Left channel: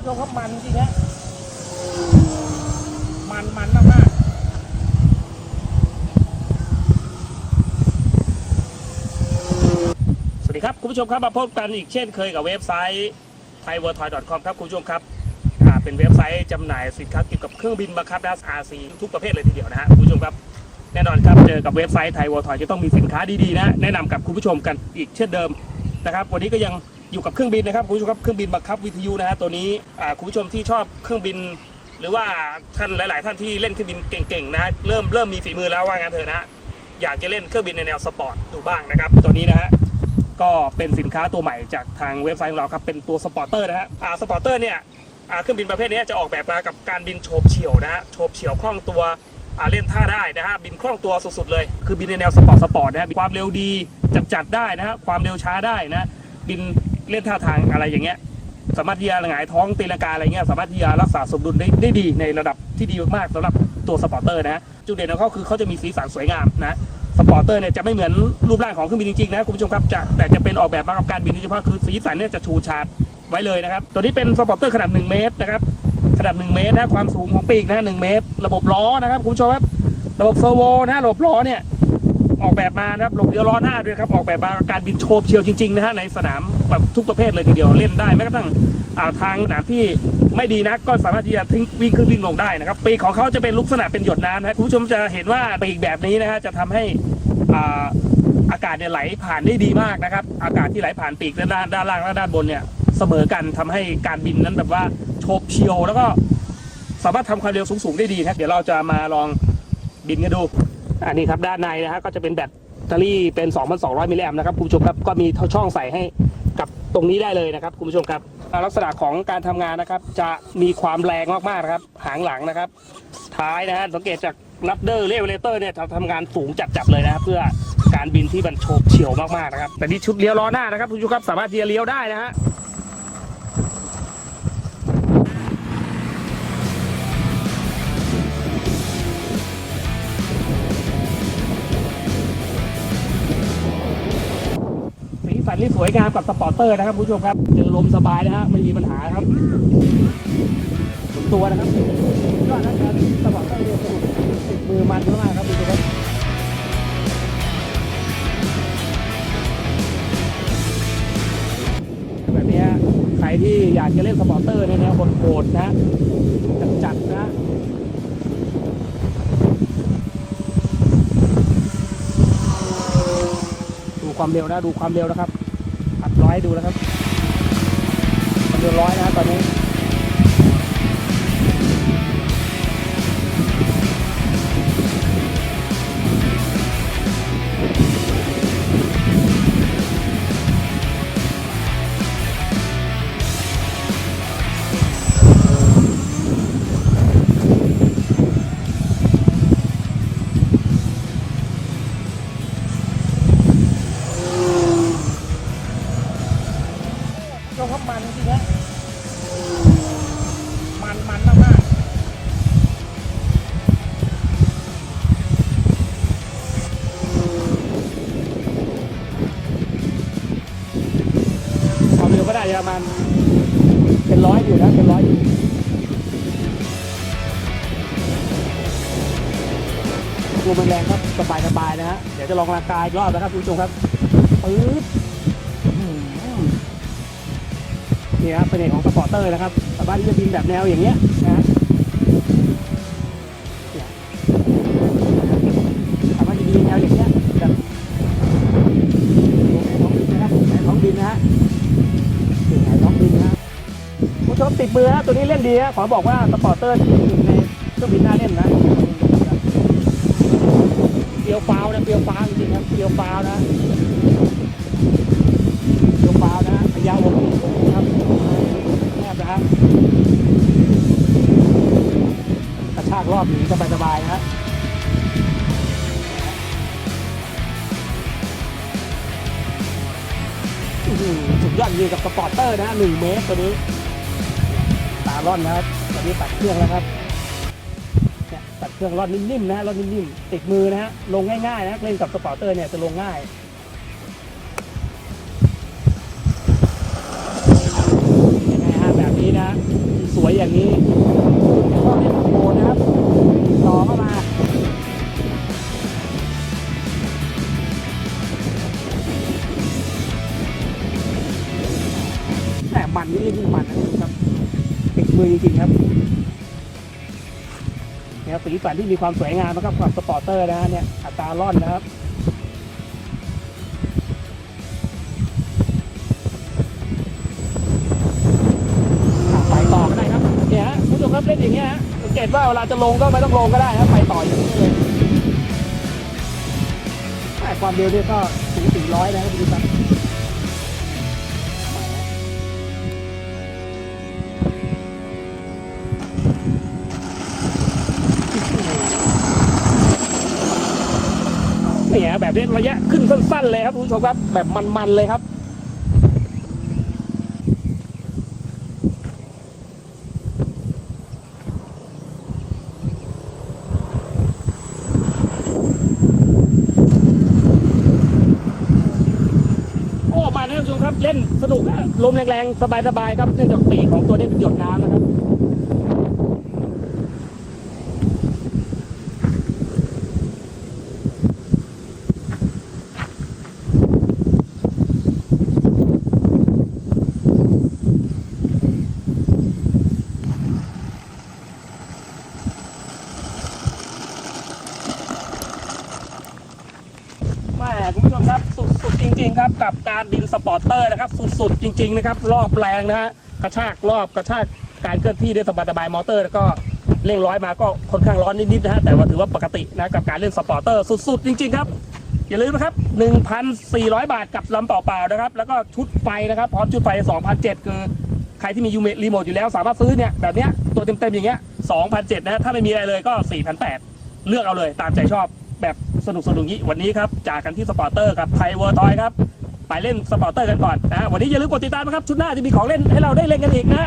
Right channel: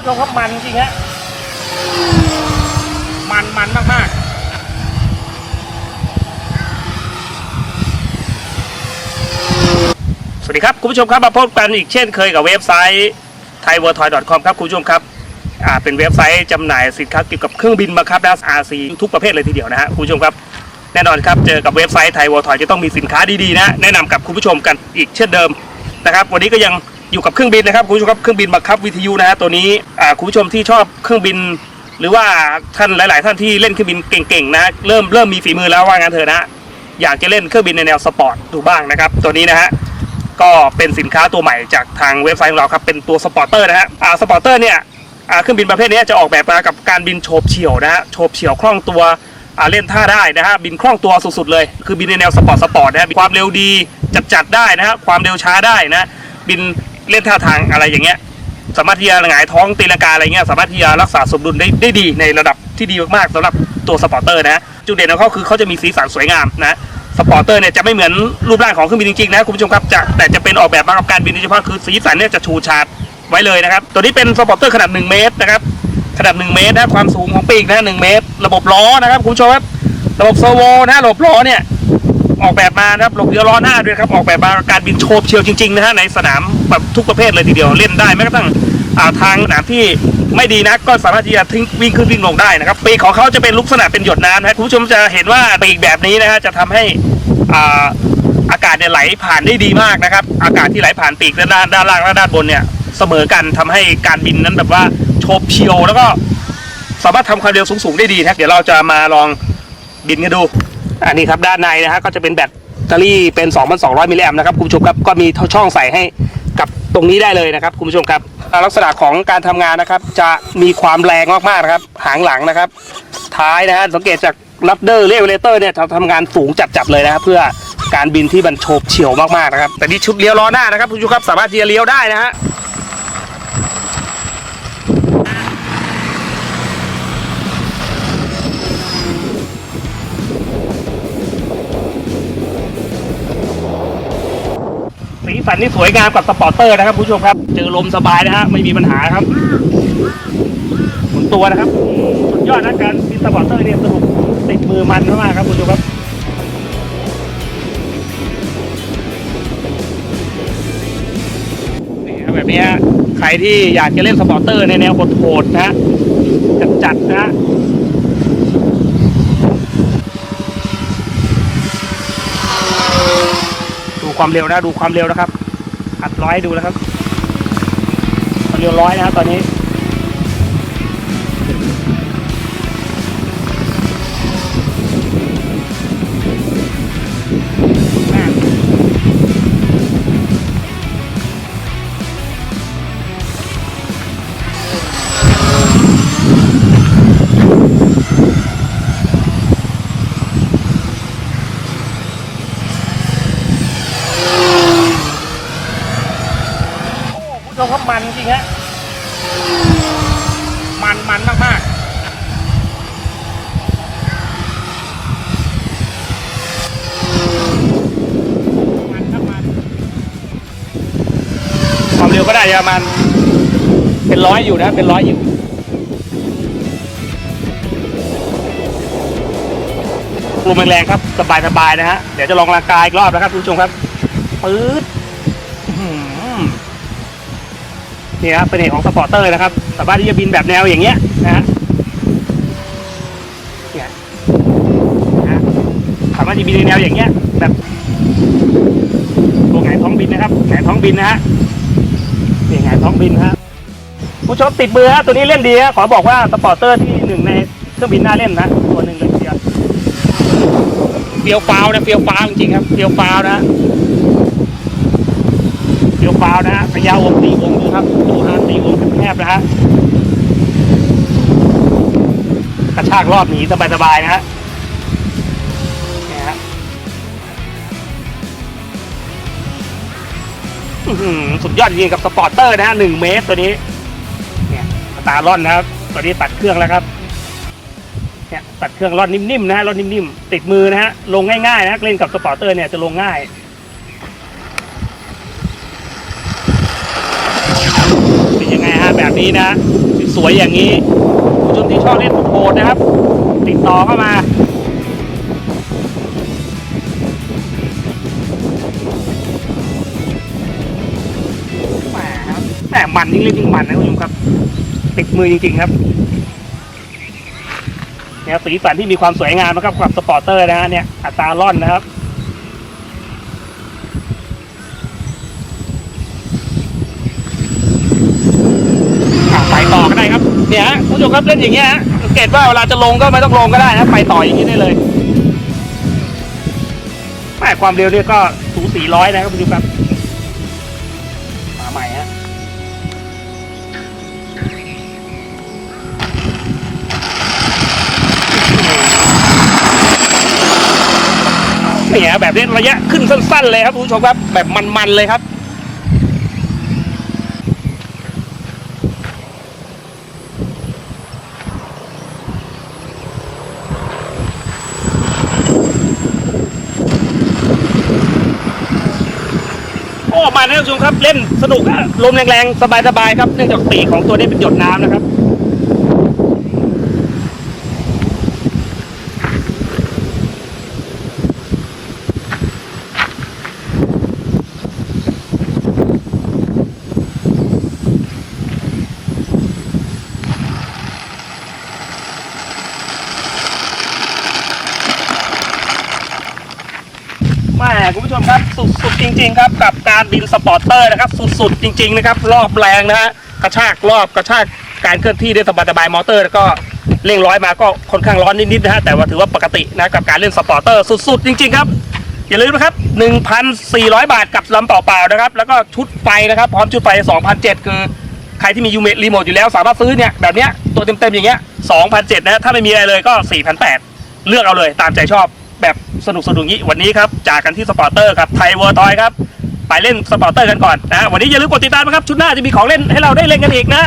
ผู้ชมครับมันจริงฮะมันมันมากๆสวัสดีครับ คุณผู้ชมครับมาพบกันอีกเช่นเคยกับเว็บไซต์ thaiworldtoy.com ครับ คุณผู้ชมครับอ่าเป็นเว็บไซต์จำหน่ายสินค้าเกี่ยวกับเครื่องบินบังคับดัสอาซีทุกประเภทเลยทีเดียวนะฮะคุณผู้ชมครับแน่นอนครับเจอกับเว็บไซต์ไทยวอลทอยจะต้องมีสินค้าดีๆนะแนะนำกับคุณผู้ชมกันอีกเช่นเดิมนะครับ วันนี้ก็ยัง อยู่กับเครื่องบินนะครับคุณผู้ชมครับเครื่องบินบังคับวิทยุนะฮะตัวนี้อ่าคุณผู้ชมที่ชอบเครื่องบิน หรือว่าท่านหลาย ๆ ท่านที่เล่นเครื่องบินเก่งๆนะเริ่มเริ่มมีฝีมือแล้วว่างั้นเถอะนะอยากจะเล่นเครื่องบินในแนวสปอร์ตดูบ้างนะครับตัวนี้นะฮะก็เป็นสินค้าตัวใหม่จากทางเว็บไซต์ของเราครับเป็นตัวสปอร์เตอร์นะฮะอ่าสปอร์เตอร์เนี่ยอ่าเครื่องบินประเภทนี้จะออกแบบมากับการบินโฉบเฉี่ยวนะฮะโฉบเฉี่ยวคล่องตัวอ่าเล่นท่าได้นะฮะบินคล่องตัวสุดๆเลย คือบินในแนวสปอร์ตสปอร์ตนะฮะความเร็วดีจัดจัดๆได้นะฮะความเร็วช้าได้นะบิน เล่นท่าทางอะไรอย่างเงี้ย สามารถที่จะหงายท้องตีลังกาอะไรเงี้ยสามารถที่จะรักษาสมดุลได้ได้ดีในระดับที่ดีมากๆสำหรับตัวสปอร์เตอร์นะจุดเด่นของเขาคือเขาจะมีสีสันสวยงามนะสปอร์เตอร์เนี่ยจะไม่เหมือนรูปร่างของเครื่องบินจริงๆนะคุณผู้ชมครับจะแต่จะเป็นออกแบบมากับการบินโดยเฉพาะคือสีสันเนี่ยจะชูชาดไว้เลยนะครับ ตัวนี้เป็นสปอร์เตอร์ขนาด 1 เมตรนะครับขนาด 1 เมตรนะความสูงของปีกนะ1เมตร ระบบล้อนะครับคุณผู้ชมครับระบบเซอร์โวนะระบบล้อเนี่ย ออกแบบมานะครับหลบเรือล้อหน้าด้วยครับออกแบบมาการบินโฉบเฉียวจริงๆนะฮะในสนามแบบทุกประเภทเลยทีเดียวเล่นได้แม้กระทั่งทางสนามที่ไม่ดีนะก็สามารถที่จะทิ้งวิ่งขึ้นวิ่งลงได้นะครับปีกของเขาจะเป็นลักษณะเป็นหยดน้ำนะคุณผู้ชมจะเห็นว่าปีกแบบนี้นะฮะจะทำให้อ่าอากาศเนี่ยไหลผ่านได้ดีมากนะครับ อากาศที่ไหลผ่านปีกด้านด้านล่างและด้านบนเนี่ยเสมอกันทำให้การบินนั้นแบบว่าโฉบเฉียวแล้วก็สามารถทำความเร็วสูงๆได้ดีนะเดี๋ยวเราจะมาลองบินกันดู อันนี้ครับด้านในนะฮะก็จะเป็นแบตเตอรี่เป็น 2,200 มิลลิแอมป์นะครับคุณผู้ชมครับก็มีช่องใส่ให้กับตรงนี้ได้เลยนะครับคุณผู้ชมครับลักษณะของการทำงานนะครับ จะมีความแรงมากๆนะครับ หางหลังนะครับ ท้ายนะฮะสังเกตจากลัดเดอร์เรเวเลเตอร์เนี่ยทำงานสูงจัดๆเลยนะครับเพื่อการบินที่มันโฉบเฉียวมากๆนะครับแต่นี่ชุดเลี้ยวล้อหน้านะครับคุณผู้ชมครับสามารถที่จะเลี้ยวได้นะฮะ สันนี่สวยงามกับสปอร์เตอร์นะครับผู้ชมครับ เจอลมสบายนะฮะไม่มีปัญหาครับหมุนตัวนะครับ สุดยอดนะการบินสปอร์เตอร์เนี่ยสนุกติดมือมันมากครับผู้ชมครับนี่ครับแบบนี้ใครที่อยากจะเล่นสปอร์เตอร์ในแนวโหดๆนะฮะจัดๆนะฮะ ดู ความเร็วนะ ดูความเร็วนะครับ อัดร้อยดูแล้วครับ ความเร็วร้อยนะครับตอนนี้ ชมครับมันจริงฮะมันมันมากๆมันครับมันความเร็วก็ได้ประมาณเป็นร้อยอยู่นะ เป็นร้อยอยู่ลมแรงๆครับ สบายๆนะฮะ เดี๋ยวจะลองร่างกายอีกรอบนะครับคุณผู้ชมครับปื๊ด นี่ครับเป็นเอกของสปอร์เตอร์นะครับสามารถที่จะบินแบบแนวอย่างเงี้ยนะฮะเนี่ยนะสามารถที่บินในแนวอย่างเงี้ยแบบตัวไงายท้องบินนะครับไงท้องบินนะฮะนี่ไงายท้องบินนะฮะผู้ชมติดมือฮะตัวนี้เล่นดีฮะขอบอกว่าสปอร์เตอร์ที่หนึ่งในเครื่องบินน่าเล่นนะตัวหนึ่งเลยทีเดียวเฟียวฟ้าวนะเฟียวฟ้าวจริงๆครับเฟียวฟ้าวนะ เฟียวฟ้าวนะฮะพยาวงตีวงดูครับดูฮะตีวงแคบนะฮะกระชากรอบหนีสบายๆนะฮะเนี่ยฮะสุดยอดจริงกับสปอร์เตอร์นะฮะหนึ่งเมตรตัวนี้เนี่ยตาล่อนนะครับตัวนี้ตัดเครื่องแล้วครับเนี่ยตัดเครื่องร่อนนิ่มๆนะฮะร่อนนิ่มๆติดมือนะฮะลงง่ายๆนะเล่นกับสปอร์เตอร์เนี่ยจะลงง่ายเป็นยังไงฮะ แบบนี้นะ สวยอย่างนี้คุณผู้ชมที่ชอบเล่นโหดนะครับ ติดต่อเข้ามาแหมมมันยิ่งเล่นยิ่งมันนะคุณผู้ชมครับติดมือจริง ๆ ครับเนี่ยสีสันที่มีความสวยงามนะครับกับสปอร์เตอร์นะฮะเนี่ยอัตราล่อนนะครับ เนี่ยฮะคุณผู้ชมครับเล่นอย่างเงี้ยฮะสังเกตว่าเวลาจะลงก็ไม่ต้องลงก็ได้นะไปต่ออย่างนี้ได้เลยแม่ความเร็วเนี่ยก็สูงสี่ร้อยนะครับคุณผู้ชมครับมาใหม่ฮะเนี่ยแบบนี้ระยะขึ้นสั้น ๆ เลยครับคุณผู้ชมครับ แบบมัน ๆ เลยครับ โอ้มาท่านผู้ชมครับเล่นสนุกลมแรงๆสบายๆครับเนื่องจากปีกของตัวนี้เป็นหยดน้ำนะครับ คุณผู้ชมครับสุดๆจริง ๆ ครับกับการบินสปอร์เตอร์นะครับสุดๆจริง ๆ นะครับ รอบแรงนะฮะกระชากรอบกระชากการเคลื่อนที่ได้สบายๆมอเตอร์แล้วก็เร่งร้อยมาก็ค่อนข้างร้อนนิดๆนะฮะแต่ว่าถือว่าปกตินะกับการเล่นสปอร์เตอร์สุดๆจริง ๆ ครับ อย่าลืมนะครับ 1,400 บาทกับลำเปล่าๆนะครับ แล้วก็ชุดไฟนะครับ พร้อมชุดไฟ 2,007คือใครที่มียูเมรีโมทอยู่แล้วสามารถซื้อเนี่ยแบบเนี้ยตัวเต็มๆอย่างเงี้ย2,007นะฮะถ้าไม่มีอะไรเลยก็4,008เลือกเอาเลยตามใจชอบ สนุกสนุกงี้วันนี้ครับจากกันที่สปอร์เตอร์ครับไทยเวอร์ทอยครับไปเล่นสปอร์เตอร์กันก่อนนะวันนี้อย่าลืมกดติดตามนะครับชุดหน้าจะมีของเล่นให้เราได้เล่นกันอีกนะ